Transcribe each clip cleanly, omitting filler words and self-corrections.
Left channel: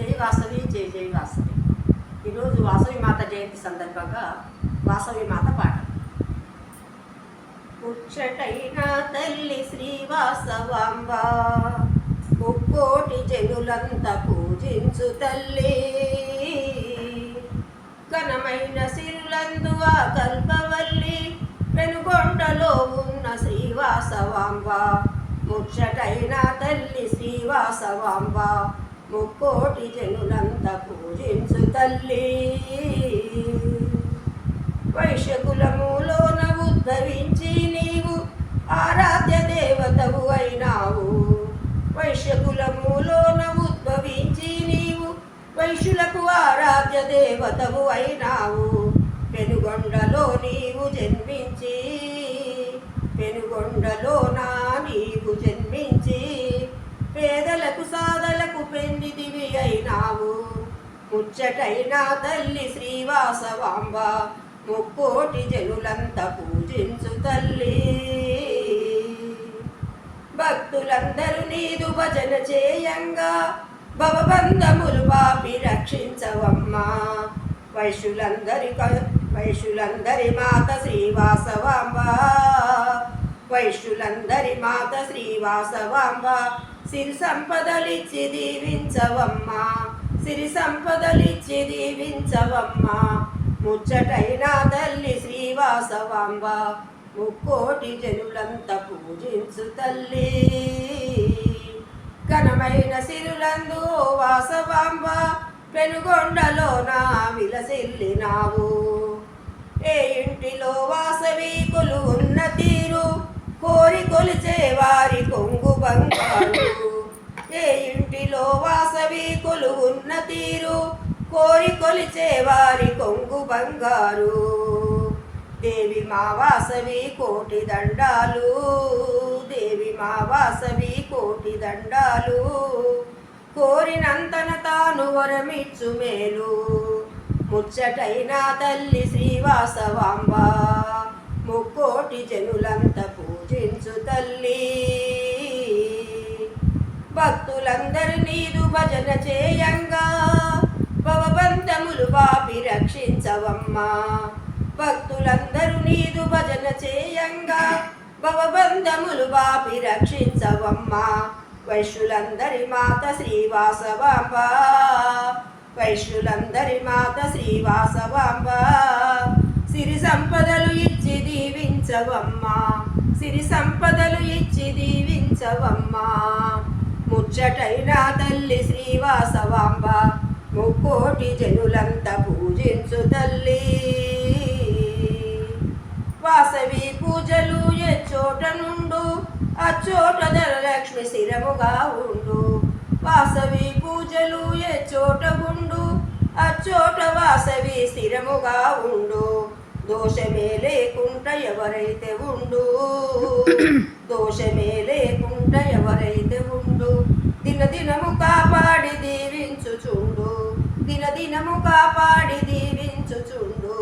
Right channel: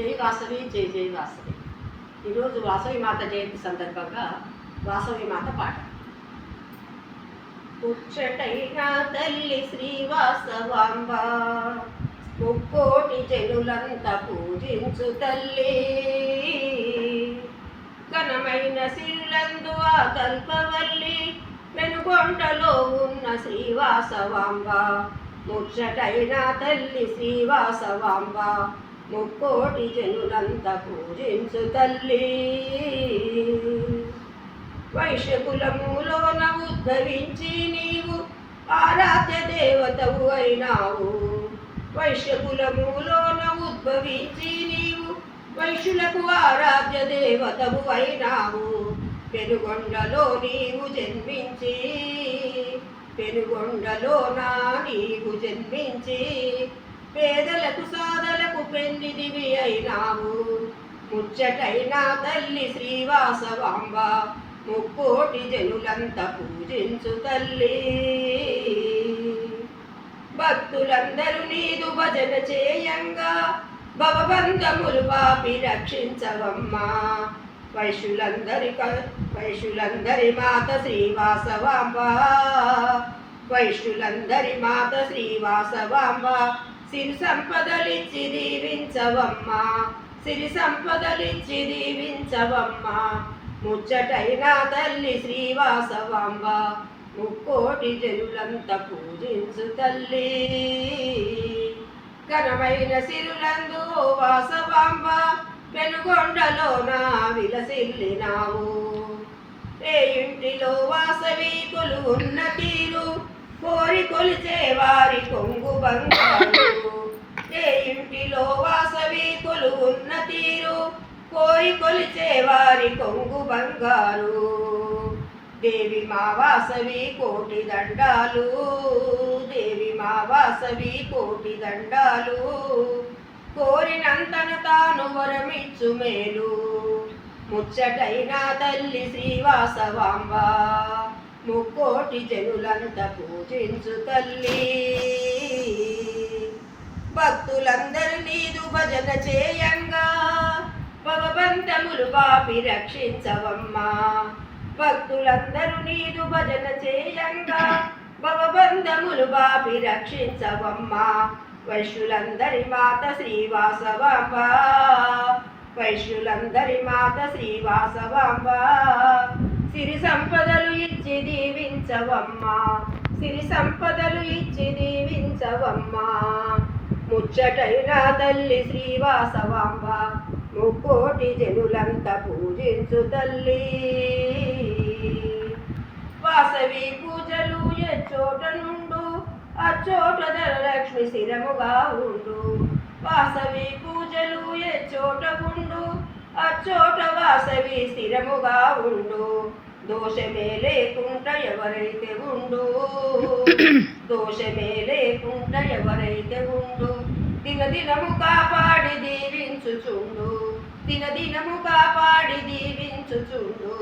జై వాసవి జై జై వాసవి. ఈరోజు వాసవి మాత జయంతి సందర్భంగా వాసవి మాత పాట. ముచ్చటైన తల్లి శ్రీ వాసవాంబ, ముక్కోటి జనులంతా పూజించు తల్లి. ఘనమైన సిరులందు ఆ కల్పవల్లి, పెనుగొండలో ఉన్న శ్రీ వాసవాంబ. ముచ్చటైన తల్లి శ్రీ వాసవాంబ, ముక్కోటి జనులంతా పూజించు తల్లి. వైశ్యకులములోన ఉద్భవించి నీవు ఆరాధ్య దేవతవు అయినావు. వైశ్యకులములోన ఉద్భవించి నీవు వైశ్యులకు ఆరాధ్య దేవతవు అయినావు. పెనుగొండలో నీవు జన్మించి, పెనుగొండలోనా నీవు జన్మించి, పేదలకు సాధలకు పెన్నిదివి అయినావు. ముచ్చటైన తల్లి శ్రీ వాసవాంబ, ముక్కోటి జనులంతా పూజించు తల్లి. భక్తులందరూ నీదు భజన చేయంగా, భవబంధములు పాపి రక్షించవమ్మా. వైశ్యులందరి మాత శ్రీ వాసవాంబ, వైశ్యులందరి మాత శ్రీ వాసవాంబ. సిరి సంపదలిచ్చి దీవించవమ్మా, సిరి సంపదలిచ్చి దీవించవమ్మా. ముచ్చటైన తల్లి శ్రీ వాసవాంబ, ముక్కోటి జనులంతా పూజించు తల్లి. ఘనమైన సిరులందు వాసవాంబ, పెనుగొండలోన విలసిల్లినావు. ఏ ఇంటిలో వాసవి కొలువున్న తీరు, కోరి కొలిచే వారి కొంగు బంగారు. ఏ ఇంటిలో వాసవి కొలువున్న తీరు, కోరి కొలిచే వారి కొంగు బంగారు. దేవి మా వాసవి కోటి దండాలు, దేవి మా వాసవి కోటి దండాలు. కోరినంతన తాను వరమిచ్చు మేలు. ముచ్చటైన తల్లి శ్రీ వాసవాంబ, ముక్కోటి జనులంతా పూజించు తల్లి. భక్తులందరూ నీదు భజన చేయంగా, భవబంధములు పాపి రక్షించవమ్మా. భక్తులందరూ నీదు భజన చేయంగా, భవబంధములు పాపి రక్షించవమ్మా. వైశ్యులందరి మాత శ్రీ వాసవాంబ, వైశ్యులందరి మాత శ్రీ వాసవాంబ. సిరి సంపదలు ఇచ్చి దీవించవమ్మా, సిరి సంపదలు ఇచ్చి దీవించవమ్మా. ముచ్చటైన తల్లి శ్రీ వాసవాంబ, ముక్కోటి జనులంతా పూజించు తల్లి. వాసవి పూజలు ఏ చోట నుండు, అచ్చోట ధనలక్ష్మి స్థిరముగా ఉండు. వాసవి పూజలు ఏ చోట ఉండు, అచ్చోట వాసవి స్థిరముగా ఉండు. దోషమే లేకుండా ఎవరైతే ఉండు, దోషమే లేకుండా ఎవరైతే ఉండు. దినదినము కాపాడి దీవించుచుండు, దినదినము కాపాడి దీవించుచుండు.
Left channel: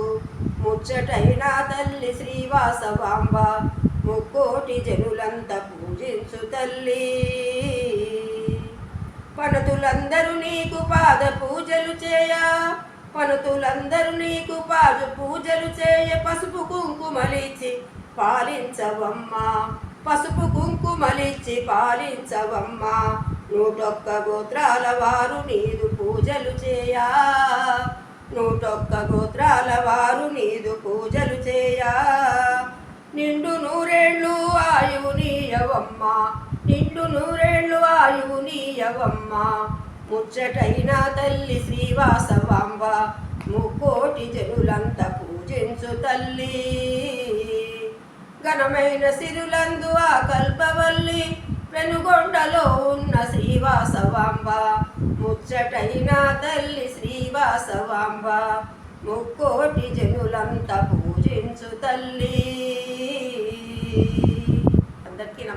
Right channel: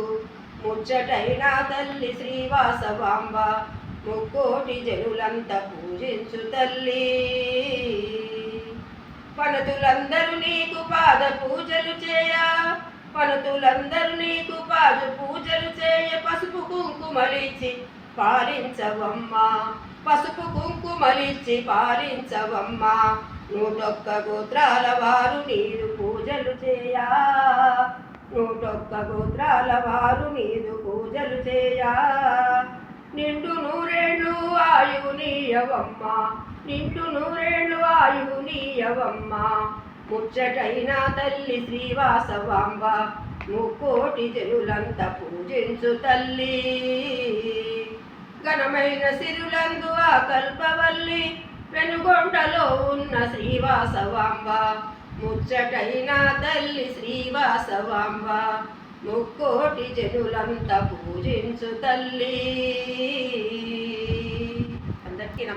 ముచ్చటైన తల్లి శ్రీ వాసవాంబ, ముక్కోటి జనులంతా పూజించు తల్లి. పనుతులందరూ నీకు పాద పూజలు చేయ, పనుతులందరూ నీకు పాద పూజలు చేయ. పసుపు కుంకుమలిచ్చి పాలించవమ్మా, పసుపు కుంకుమలిచ్చి పాలించవమ్మా. 101 గోత్రాల వారు నీదు పూజలు చేయా, 101 గోత్రాల వారు నీదు పూజలు చేయా. నిండు నూరేళ్ళు ఆయువు నీయవమ్మా, నిండు నూరేళ్ళు ఆయువు నీయవమ్మా. ముచ్చటైన తల్లి శ్రీ వాసవాంబ, ముక్కోటి జనులంతా పూజించు తల్లి. ఘనమైన సిరులందు ఆ కల్పవల్లి, పెనుగొండలో ఉన్న శ్రీ వాసవాంబ. ముచ్చటైన తల్లి శ్రీ వాసవాంబ, ముక్కోటి జనులంతా పూజించు తల్లి.